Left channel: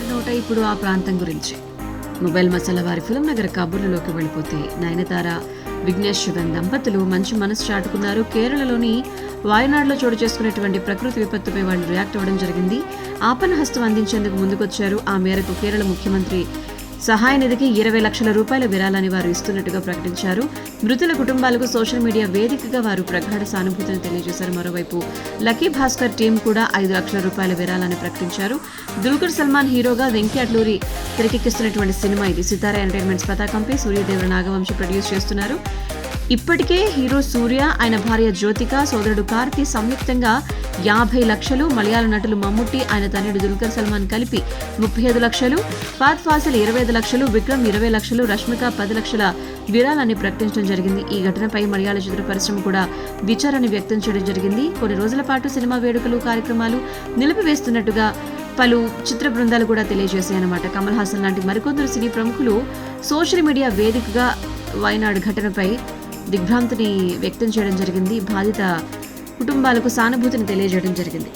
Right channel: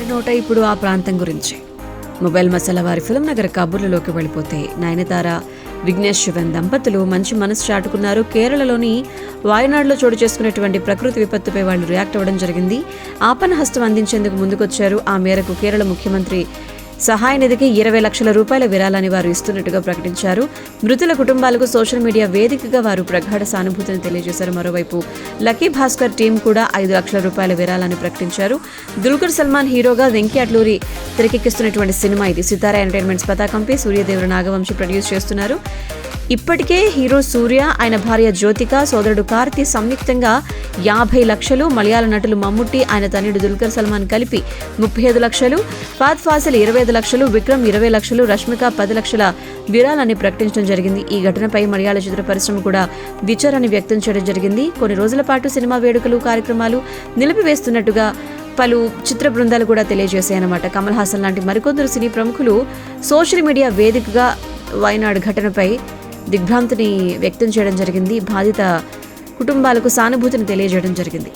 అందరి నోట ఇప్పుడు ఆ ప్రాంతం గురించి. మొబైల్ మసాలా వారి ఫిల్మ్ నగర్ కబుర్లలోకి వెళ్ళిపోతే నయనతార విఘ్నేష్ శివన్ దంపతులు మంచి మనసు చాటుకున్నారు. కేరళలోని వాయనాడులో చోటు చేసుకునేటువంటి ప్రకృతి విపత్తుపై వాళ్ళు రియాక్ట్ అవ్వడం జరిగింది. ఆపన్న హస్తం అందించేందుకు ముందుకొచ్చారు. ఆ మేరకు కేరళ ముఖ్యమంత్రి సహాయ నిధికి 20 లక్షల రూపాయల విరాళాన్ని వారు ఇస్తున్నట్టుగా ప్రకటించారు. మృతుల కుటుంబాలకు సోషల్ మీడియా వేదికగా వారు ప్రగాఢ సానుభూతిని తెలియజేశారు. మరోవైపు లక్కీ భాస్కర్ టీం కూడా 5 లక్షల రూపాయల విరాళాన్ని ప్రకటించారు. దుల్కర్ సల్మాన్ హీరోగా వెంకీ అట్లూరి తెరకెక్కిస్తున్నటువంటి సినిమా ఇది. సితారా ఎంటర్టైన్మెంట్స్ పతాకంపై సూర్యదేవర నాగవంశి ప్రొడ్యూస్ చేస్తున్నారు. ఇప్పటికే హీరో సూర్య, ఆయన భార్య జ్యోతిక, సోదరుడు కార్తీ సంయుక్తంగా 50 లక్షలు, మలయాళ నటులు మమ్ముట్టి, ఆయన తనయుడు దుల్కర్ సల్మాన్ కలిపి 35 లక్షలు, ఫాద్ ఫాసిల్ 25 లక్షలు, విక్రమ్ 20 లక్షలు, రష్మిక 10 లక్షల విరాళాన్ని ప్రకటించడం జరిగింది. ఈ ఘటనపై మలయాళ చిత్ర పరిశ్రమ కూడా విచారాన్ని వ్యక్తం చేయడం జరిగింది. కొన్ని రోజుల పాటు సినిమా వేడుకలు, కార్యక్రమాలు నిలిపివేస్తున్నట్టుగా పలు చిత్ర బృందాలు కూడా తెలియజేశాయన్నమాట. కమల్ హాసన్ లాంటి మరికొందరు సినీ ప్రముఖులు సోషల్ మీడియా వేదికగా వయనాడు ఘటనపై దిగ్భ్రాంతిని వ్యక్తం చేయడం జరిగింది. బాధిత కుటుంబాలకు సానుభూతిని తెలియజేయడం జరిగింది.